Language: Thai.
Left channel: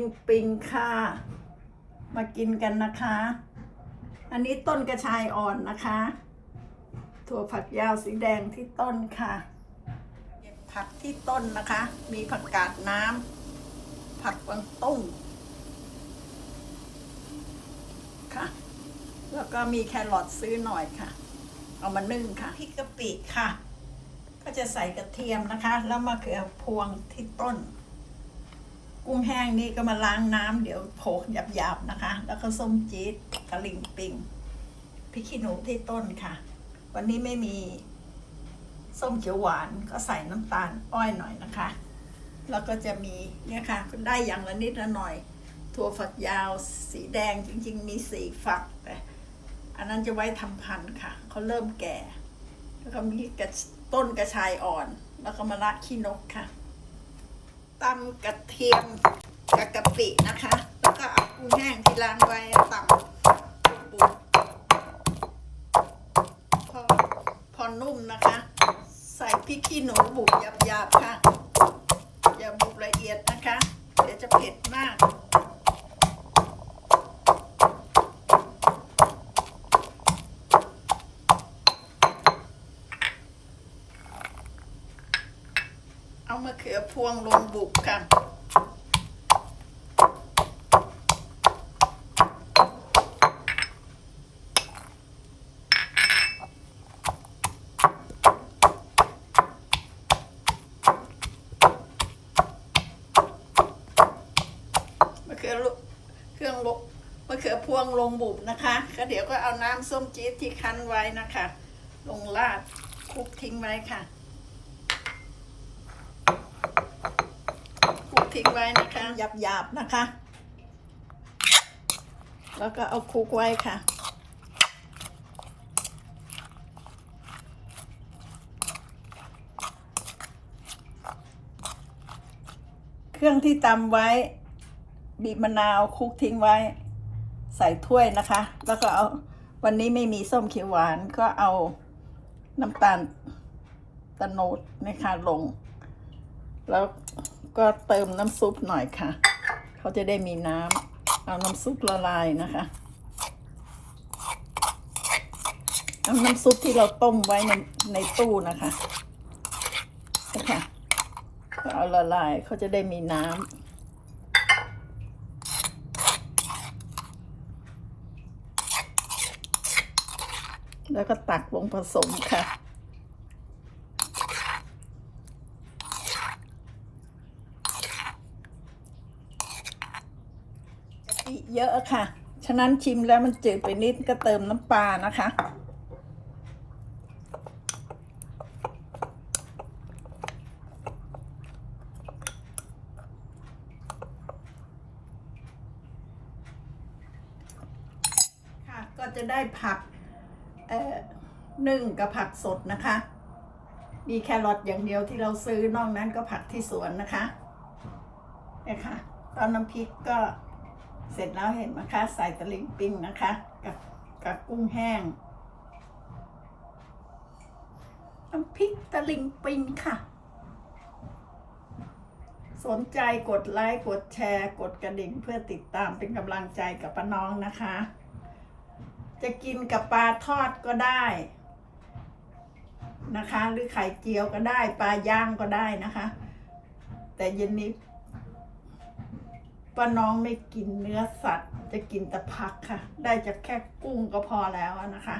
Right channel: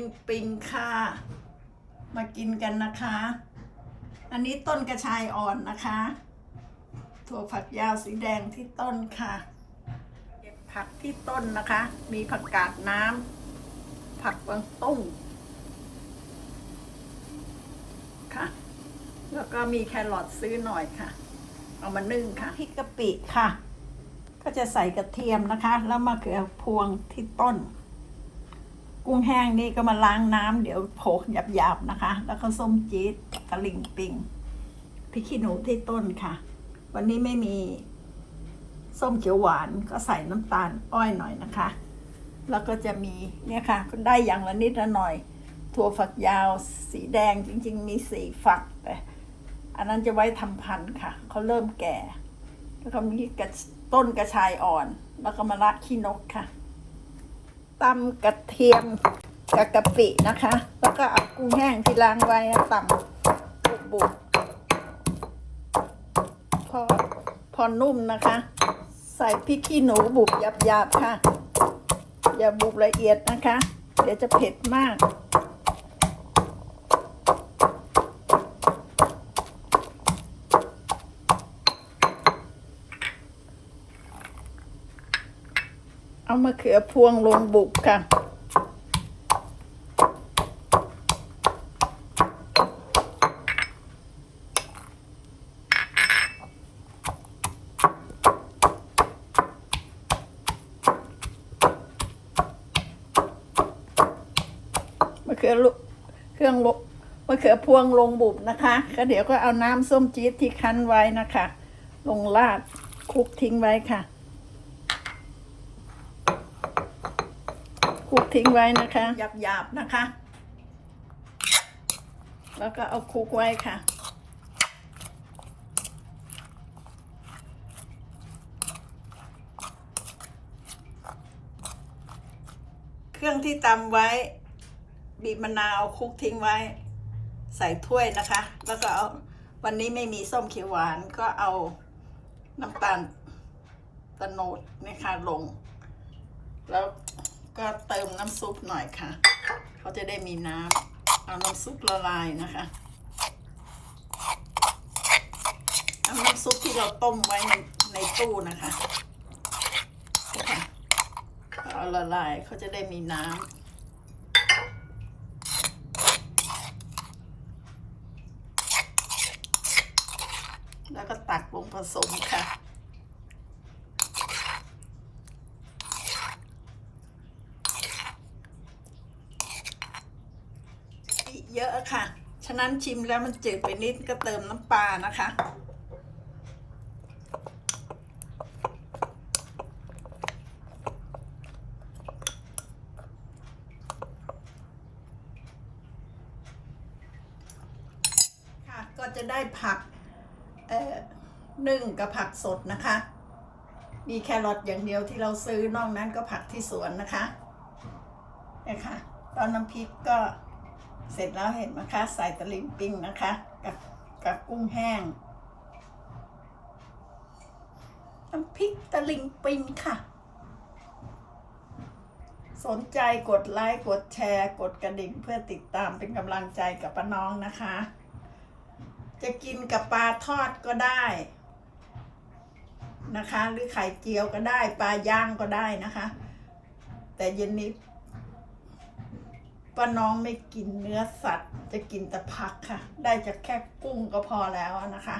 งปิงค่ะ มากินกันนะคะ อันนี้ต้นกระชายอ่อนนะคะ ถั่วผักยาวสีแดงที่ต้นค่ะ เก็บผักที่ต้นนะคะ มีผักกาดน้ำผักกวางตุ้งค่ะ แล้วก็มีแครอทซื้อหน่อยค่ะ เอามานึ่งค่ะพริกกะปิค่ะ ก็จะใส่กระเทียมนะคะ แล้วมะเขือพวงที่ต้น กุ้งแห้งนี่ก็มาล้างน้ำเดี๋ยวโขลกหยาบๆนะคะ แล้วก็ส้มจี๊ดตะลิงปิงพริกขี้หนูที่ต้นค่ะ วันนี้ไม่มีส้มเขียวหวานก็ใส่น้ำตาลอ้อยหน่อยนะคะ แล้วก็จะมีเนี่ยค่ะได้อย่างละนิดละหน่อย ถั่วฝักยาวสีแดงจริง ๆ มีสีฝักแต่อันนั้นจะไว้ทำพันธุ์ค่ะเขาเริ่มแก่ แล้วก็มีกระต้นกระชายอ่อน แล้วก็มะระขี้นกค่ะ ตำกระเทียมกับกะปินะคะ แล้วก็เอากุ้งแห้งที่ล้างไว้ตำบุบๆพอพอนุ่มนะคะ ใส่พริกขี้หนูบุบหยาบๆค่ะ อย่าบุบละเอียดนะคะ เดี๋ยวจะเผ็ดมาก เอามะเขือพวงลงบุกค่ะ มะเขือลุเครื่องลมะเขือพวงลงบุบนะคะก็เดี๋ยวก็เอาน้ำส้มจี๊ดที่คั้นไว้นะคะ ลงราดคลุกทิ้งไว้ค่ะ คลุกทิ้งไว้นะคะ หยาบๆนะคะ แล้วก็เอาคุกไว้ค่ะ เครื่องที่ตำไว้ บีบมะนาวคุกทิ้งไว้ ใส่ถ้วยนะคะ แล้วก็เอาวันนี้ไม่มีส้มเขียวหวานก็เอาน้ำตาลตะโนดนะคะลง แล้ว ก็เติมน้ำซุปหน่อยค่ะ เขาจะได้มีน้ำเอาน้ำซุปละลายนะคะเอาน้ำซุปที่เราต้มไว้ในในตู้นะคะนะคะก็เอาละลายเขาจะได้มีน้ำแล้วก็ตักลงผสมค่ะ เยอะค่ะ ฉะนั้นชิมแล้วมันจืดไปนิดก็เติมน้ำปลานะคะ ค่ะ ก็จะได้ผักเอ่อนึ่งกับผักสดนะคะ มีแครอทอย่างเดียวที่เราซื้อนอกนั้นก็ผักที่สวนนะคะนี่ค่ะตอนน้ำพริกก็ เสร็จแล้วเห็นไหมคะใส่ตะลิงปิ้งนะคะ กับกับกุ้งแห้งน้ำพริกตะลิงปิ้งค่ะ สนใจกดไลค์กดแชร์กดกระดิ่งเพื่อติดตามเป็นกำลังใจกับป้าน้องนะคะ จะกินกับปลาทอดก็ได้นะคะ หรือไข่เจียวก็ได้ ปลาย่างก็ได้นะคะ แต่เย็นนี้ ป้าน้องไม่กินเนื้อสัตว์ จะกินแต่ผักค่ะ ได้จากแค่กุ้งก็พอแล้วนะคะ